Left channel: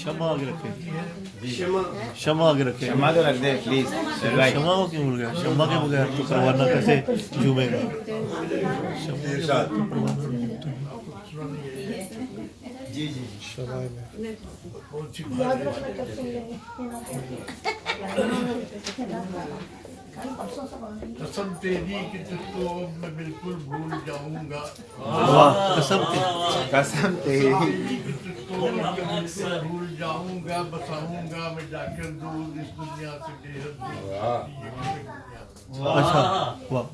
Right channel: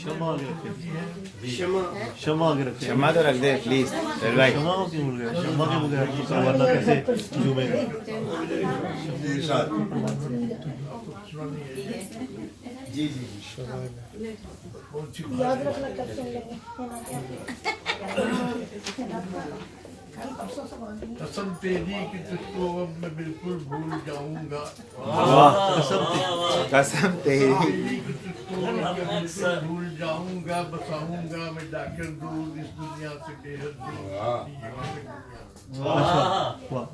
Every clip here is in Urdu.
شمع آگے رکھے شمع شمع آگے رکھے شمع تو رکھ دے پلیز شمع کو کیوں بھول گیا شمع کے بغیر تو ورنہ کیسے جمعے گا جی جی یاد رکھنا کب سن لیں گے قسم تیری کہ تجھ کو اب میں بالکل بھول جاؤں گا قسم تھی قسم تیری تیری کہ تجھ کو اب میں بالکل بھول جاؤں گا بساؤں گا میں جا کر دور اس دنیا سے بے حد دور اچھا واہ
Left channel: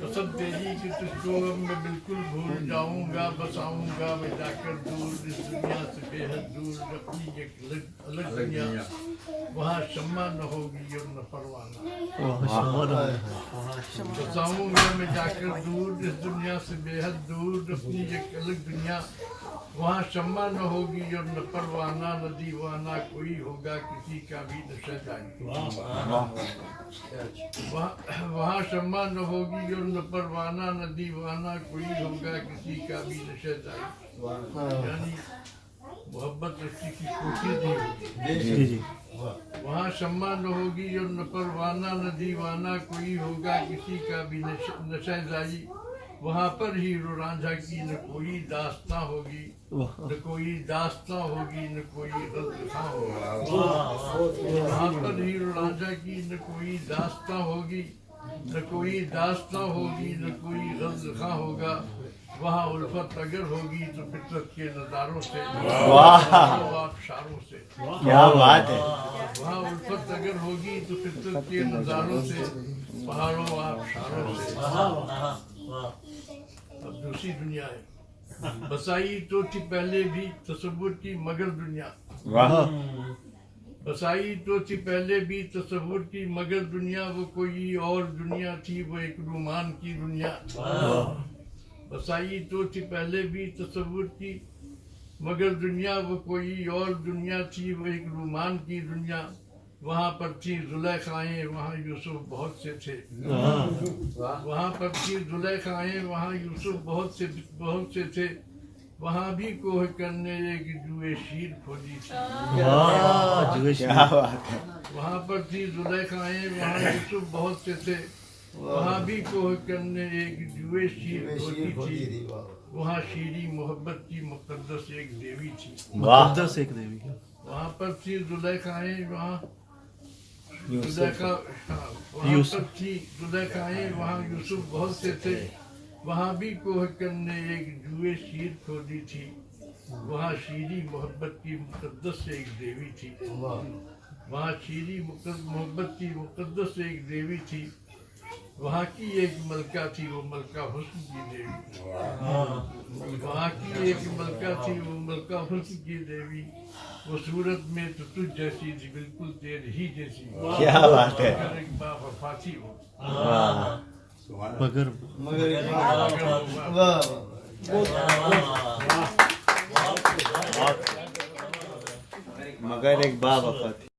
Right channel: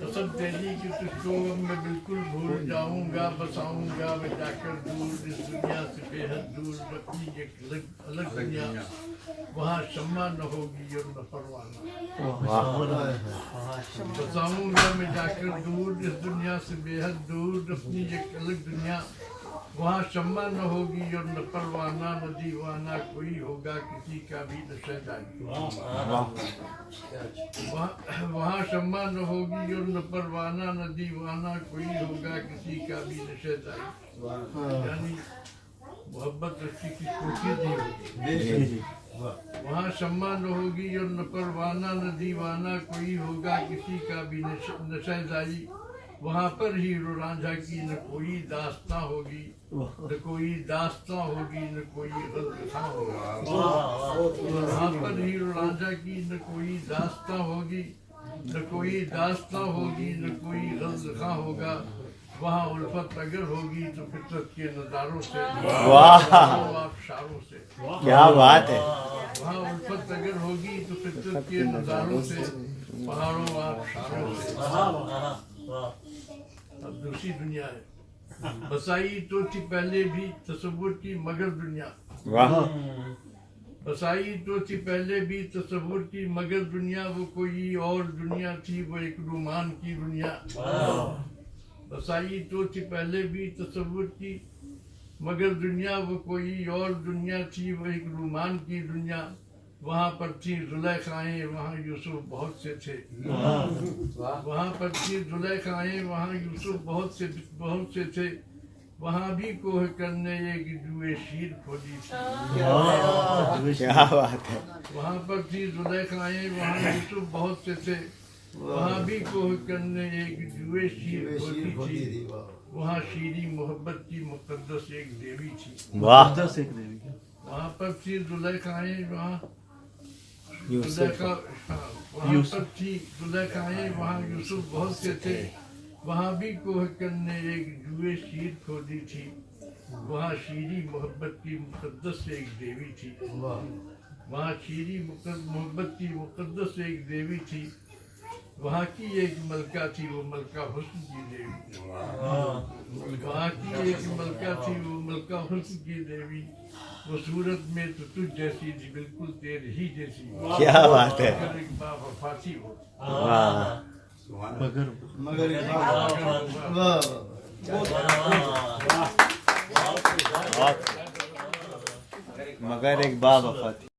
قسم تیری کہ تجھ کو اب میں بالکل بھول جاؤں گا بساؤں گا میں جا کر دور اس دنیا سے بے حد دور اپنی ایک الگ دنیا وہاں شمع نہ ہوگی اور نہ پروانہ بساؤں گا میں جا کر دور اس دنیا سے بے حد دور اپنی ایک الگ دنیا وہاں شمع نہ ہوگی اور نہ پروانہ نہ دیوانہ کوئی ہوگا کسی کا بھی نشہ جاری وہاں شمع نہ ہوگی اور نہ پروانہ نہ دیوانہ کوئی ہوگا کسی کا بھی نشہ جاری یعنی محبت رسی کی کوشش نہیں ہوگی جی جی وہاں شمع نہ ہوگی اور نہ پروانہ نہ دیوانہ کوئی ہوگا کسی کا بھی نشہ زاری وہاں پر ہیرو رانجھا کی نہ کوئی داستاں ہوگی نہ کوئی داستاں ہوگی نہ کوئی غلطاں ہوگا وہاں پر ہیرو رانجھا کی نہ کوئی داستاں ہوگی نہ کوئی داستاں ہوگی نہ کوئی غلطاں ہوگا وہاں الفت اگر ہوگی تو فطرت کے نظاروں سے آبشاروں سے کیا بات ہے وہاں الفت اگر ہوگی تو فطرت کے نظاروں سے پہاڑوں آبشاروں سے اب دوسری دنیا ہے بسائی تو تھی پہلے بھی تصور کی مگر دنیا واہ بسائی تو تھی پہلے بھی تصور کی مگر دنیا وہ کوئی اور دنیا تھی وہ ایک رومان کی دنیا بسائی تو تھی پہلے بھی تصور کی مگر دنیا وہ کوئی اور دنیا تھی وہ ایک رومان کی دنیا وہاں پر تھی زلیخائیں وہاں یوسف بہت سے تھے وہاں پر تھی زلیخائیں وہاں یوسف بہت سے تھے وہاں بھی کوہ کرنے ایک جوئے شیر کھودی تھی کیا بات ہے وہاں پر تھی زلیخائیں وہاں یوسف بہت سے تھے وہاں بھی کوہ کرنے ایک جوئے شیر کھودی تھی وہاں شیریں محبت کی مقدس ایک دیوی تھی مقدس ایک دیوی وہاں پر تھی زلیخائیں وہاں یوسف وہاں پر تھی زلیخائیں وہاں یوسف بہت سے تھے وہاں بھی کوہ کرنے ایک جوئے شیر کھودی تھی وہاں شیریں محبت کی مقدس ایک دیوی تھی وہاں شیریں محبت کی مقدس ایک دیوی تھی وہاں کی ایک ملکہ تھی وہ ملکہ حسن کی دیوی وہاں کی ایک ملکہ تھی وہ ملکہ حسن کی دیوی وہ صورت میں تو تجھ جیسی تھی بالکل تیرے ہی جیسی کیا بات ہے مگر ایک باوفا تھی وہ مگر مگر مگر ایک باب وفا تھی